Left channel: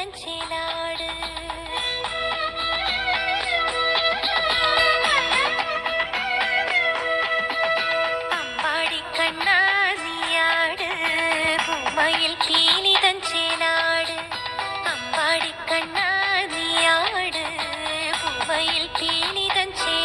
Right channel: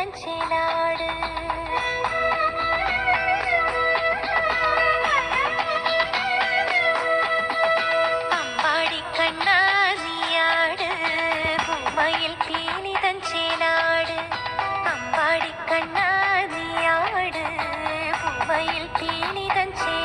வடஞ்சேலாடு Ambadi Kanna நீயாடு பொம்மையில் கீழி தஞ்சேலாடு Ambadi Kanna பொம்மையில் கீழி தஞ்சே